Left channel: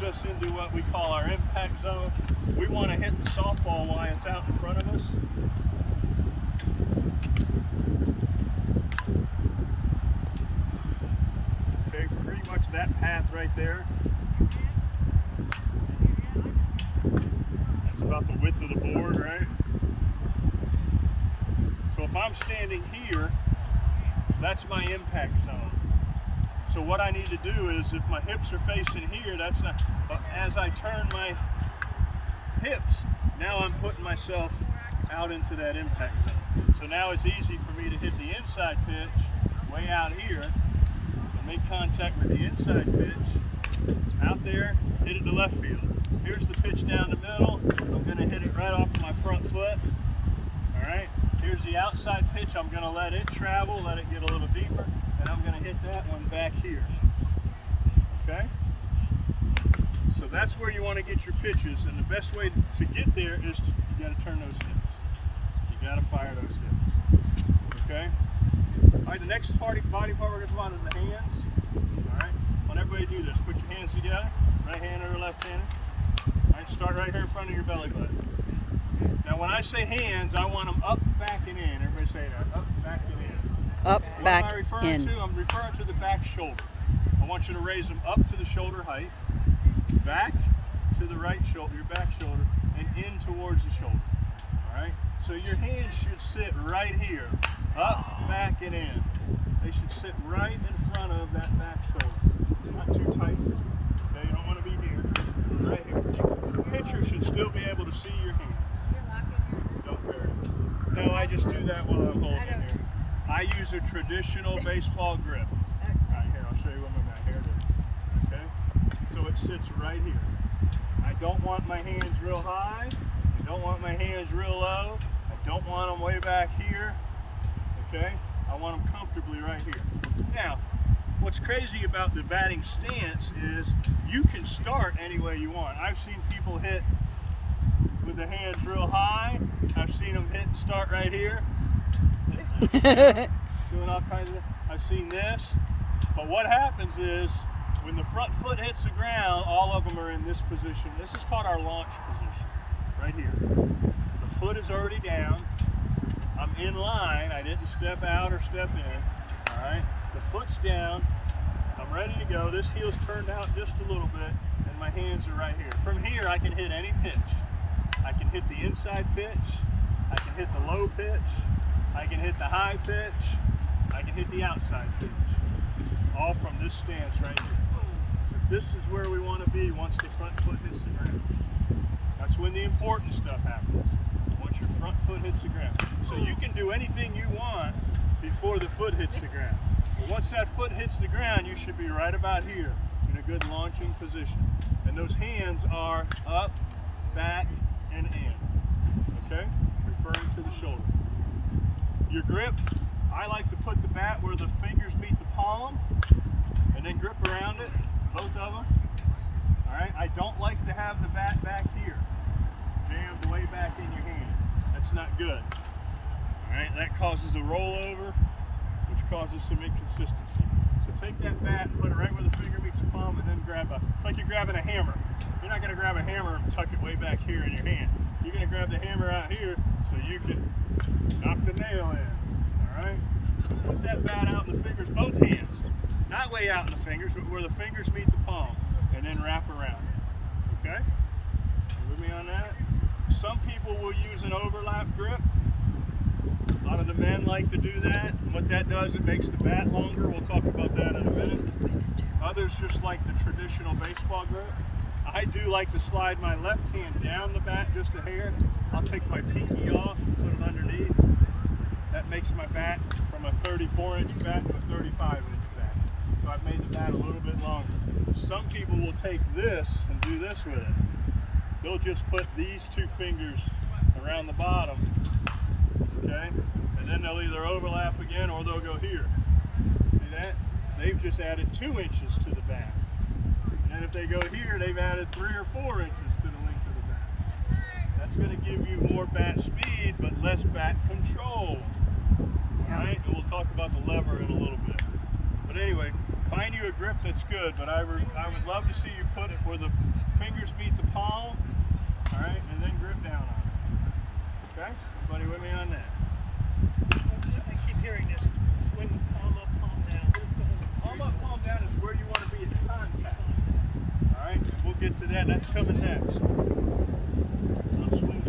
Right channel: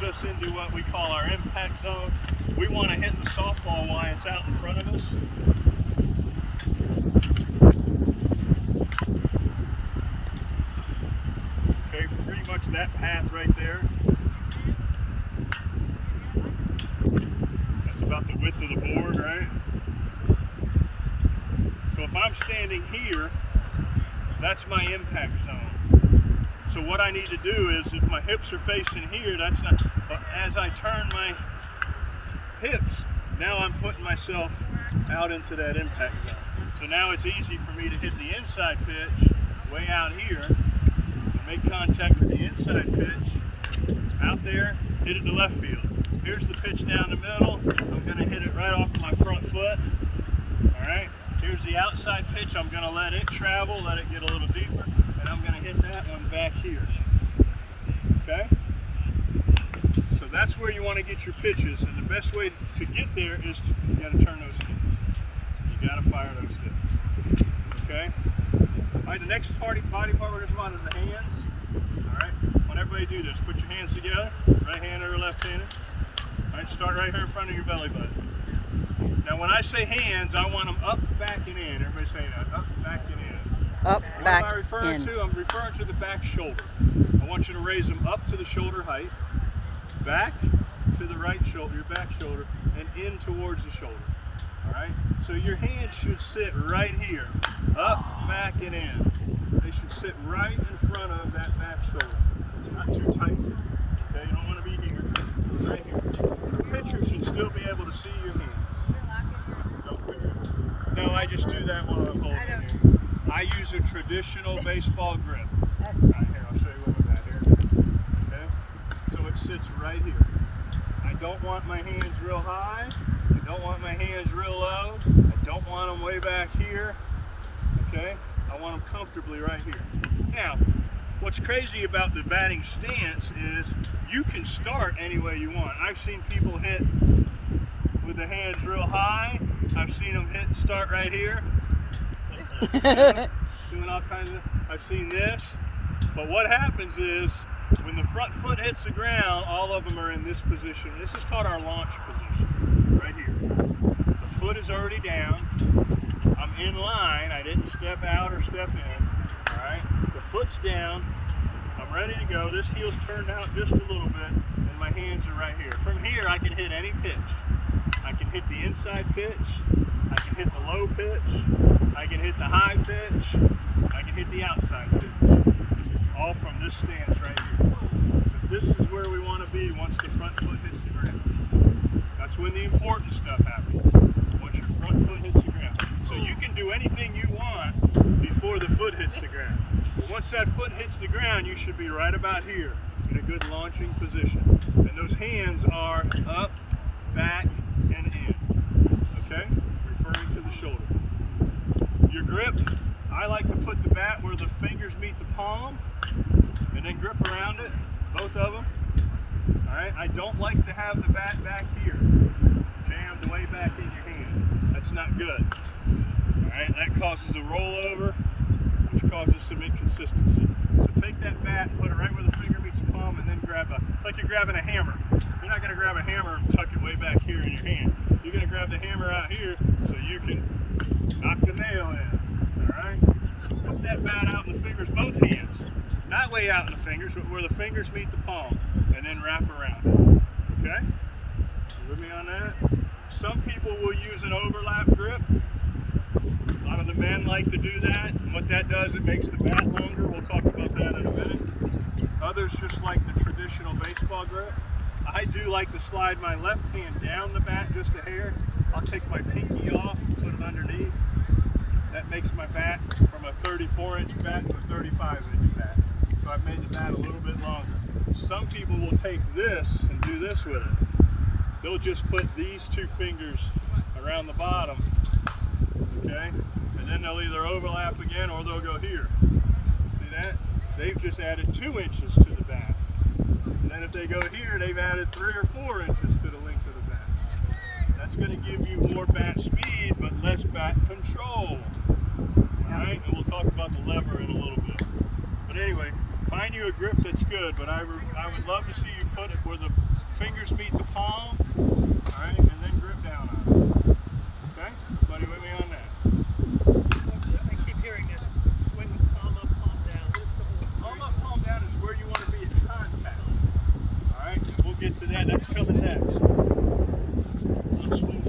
moves us into what we call our impact zone. We want to hit the softball while it's out in front of us. Okay, pretty much that path right there. That's about the width of the board, right? So if I'm standing here, that's my impact zone. So what I need to do is, if my hips are facing here, that's not, but as I turn my hips, now I'm putting myself out into that impact zone. So now it's easy for me to hit the inside pitch way out here, and make contact with the inside pitch, out there, hit it to left field. Here's the pitch down the middle. I'm gonna hit it right off of my front foot, all right? Here's the outside pitch. I'm gonna let it travel, let it get a little deeper, and I'm gonna hit that one back here, okay? So that's where you wanna get your pitches, and the best way to get there is you gotta turn those hips. You gotta fire those hips, okay? All right, the next body part we're gonna come on is the hands, all right? I want everybody to do this. Put your hands together, right hand or left handed. All right, start right here in front of your belly button. Now when I say hands, I want them up, back, and in. Everybody say that, up, back, and in. Up, What back, am I referring in. to? I'm referring to the back shoulder. I want you to raise them up to the shoulder height, back to the right shoulder, your back shoulder, and in towards the shoulder. All right? So your hands should sit right here, up, back, and in. They should sit right in front of that back shoulder. Not too tight. Okay, you don't want to be here. Right here. The pitcher should still be able to see your hands. Don't bury it. No, I just do that while I'm holding it here. I use a traditional baseball grip. Right here, I'll show you what I'm at here. Okay? So it sits right here. I don't want my hands real high. I don't want my hands real low. I don't want them way back here. Okay? I want them comfortably right here. Now, what's crazy about the batting stance is you can start any way you want. I've seen people hit with the hands real high. I've seen them start right here. Doing all kinds of, I've seen this. But what happens is when the front foot hits the ground, all of them are in this position. This is called our launch position, right here. The foot is already down. I'm in line. I didn't step out or step in. All right. The foot's down. I'm ready to go. This heel's turned out just a little bit, and my hands are right here. From here, I can hit any pitch. I can hit the inside pitch. I can hit the low pitch. I can hit the high pitch. I can hit the outside pitch. All from this stance right here. But this is where we want to be once the front foot hits the ground. That's when the important stuff happens. Once your front foot hits the ground. So you can do anything you want before the foot hits the ground. But once that foot hits the ground, you should be right about here in a good launching position. And those hands are up, back, and in. Okay? Referring to the shoulder. Your grip, I like to put the bat where the fingers meet the palm and then grip around it, both of them. All right? I don't like to have the bat back here, jammed way back in your hand. That's not good. All right? That causes a rollover, which causes some inconsistency. So take that bat, put it right where the finger meets the palm, and then grab it's like you're grabbing a hammer. You're not going to grab a hammer and tuck it way back here in your hand. You're going to grab the hammer out here so you can knock the nail in. All right? Put that bat out in the fingers, both hands. Not way out in the fingers, but where the fingers meet the palm, and then wrap around. Okay? You with me on that? Some people will use an overlap grip. A lot of the men like to do that. And what that does, it makes the bat longer. We'll talk about that in a minute. Others just like the traditional baseball grip. I do like to slide my left hand down the bat just a hair. I'll take my pinky off and put it underneath. That makes my bat from a 34-inch bat to a 35-inch bat. So I've made the bat a little bit longer. Some people will take this and do this with it. They'll just put these two fingers around the bottom, okay? And then they'll either overlap again or they'll go here. See that? They've just added 2 inches to the bat. And then if they go here, they've added 3 or 4 inches to the length of the bat. That's going to give you more bat speed, but less bat control. All right, and we'll talk about the lever in a little bit. But anyway, find you a grip that's good, but I would love to see you put it where the fingers meet the palm, all right, and then grip down on it. Okay? Everybody with me on that? I keep hearing this. Swing palm up, palm down. What's the whole Palm up, palm down is where you want to be in contact. All right, we'll get to that. That's coming next. Let's swing